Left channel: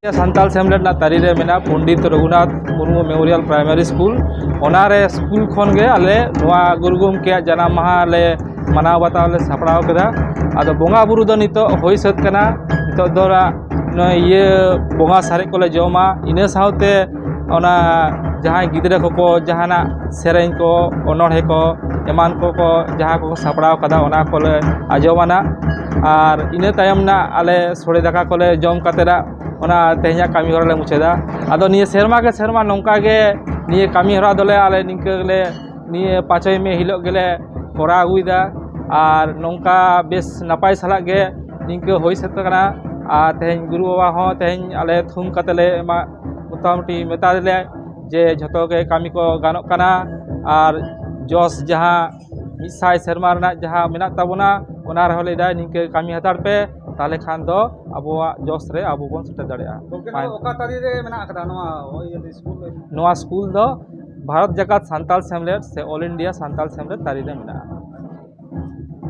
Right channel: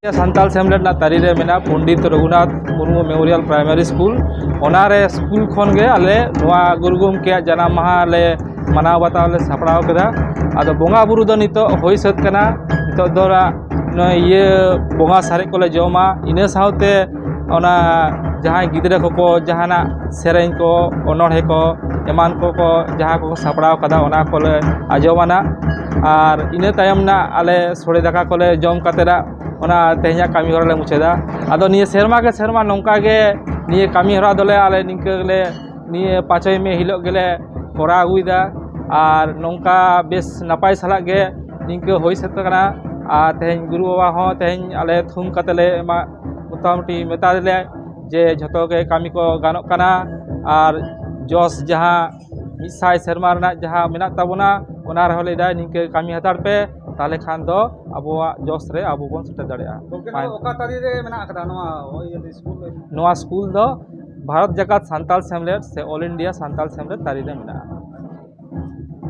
सान्ताल सेमलेट ना तारी रे मेना Pandit Raghunath Murmu memorial primary school ओनारे स्कूल खन गे आले नोआ गुरु गोमके जनाम माहा ले मनाव बाताव ले सापड़ाव केदा आदो बोंगा बुरु दो नितो होई सत कना नितो दोरा ये बोंगा सारे कोले जमा इने सावते ओना जहां गिदरे को जहाना सेरें को ओनोढ़े को एमान को जहां को सापड़ाव कदा ओना कोले आजमाना और इने तायम ना आले सोड़े दाका कोले जम कातेरा ओना तेहना कामी हरा ले मुचेदा आदो निये सेरमा के सेरमा नौका गे निये कामी हरा दोले आले निंकले निये 5 मे हिलो गेले कोरा अगुइदा और नौका बेस नपाय साला गे निंक होई सत कना और तेहन गुरु बाबा हो तेहन आले थुम कतले मोटामुटी मेता दिले जे झतो के कामी को गानोक कना और जस जहां मिसाय सेरमा रना जहां मेना ताबोना ओना रहो लेदा निंके कामी हताड़ पे ताले खान दो अबोआ जस रे अबो बन सेटे दाड़ेया ओका तारी रे मेना कदा नोआ स्कूल दो भारत जगत सान्ताल सेमलेट से ऑल इंडिया सान्ताल सेमलेट तारी रे मेना।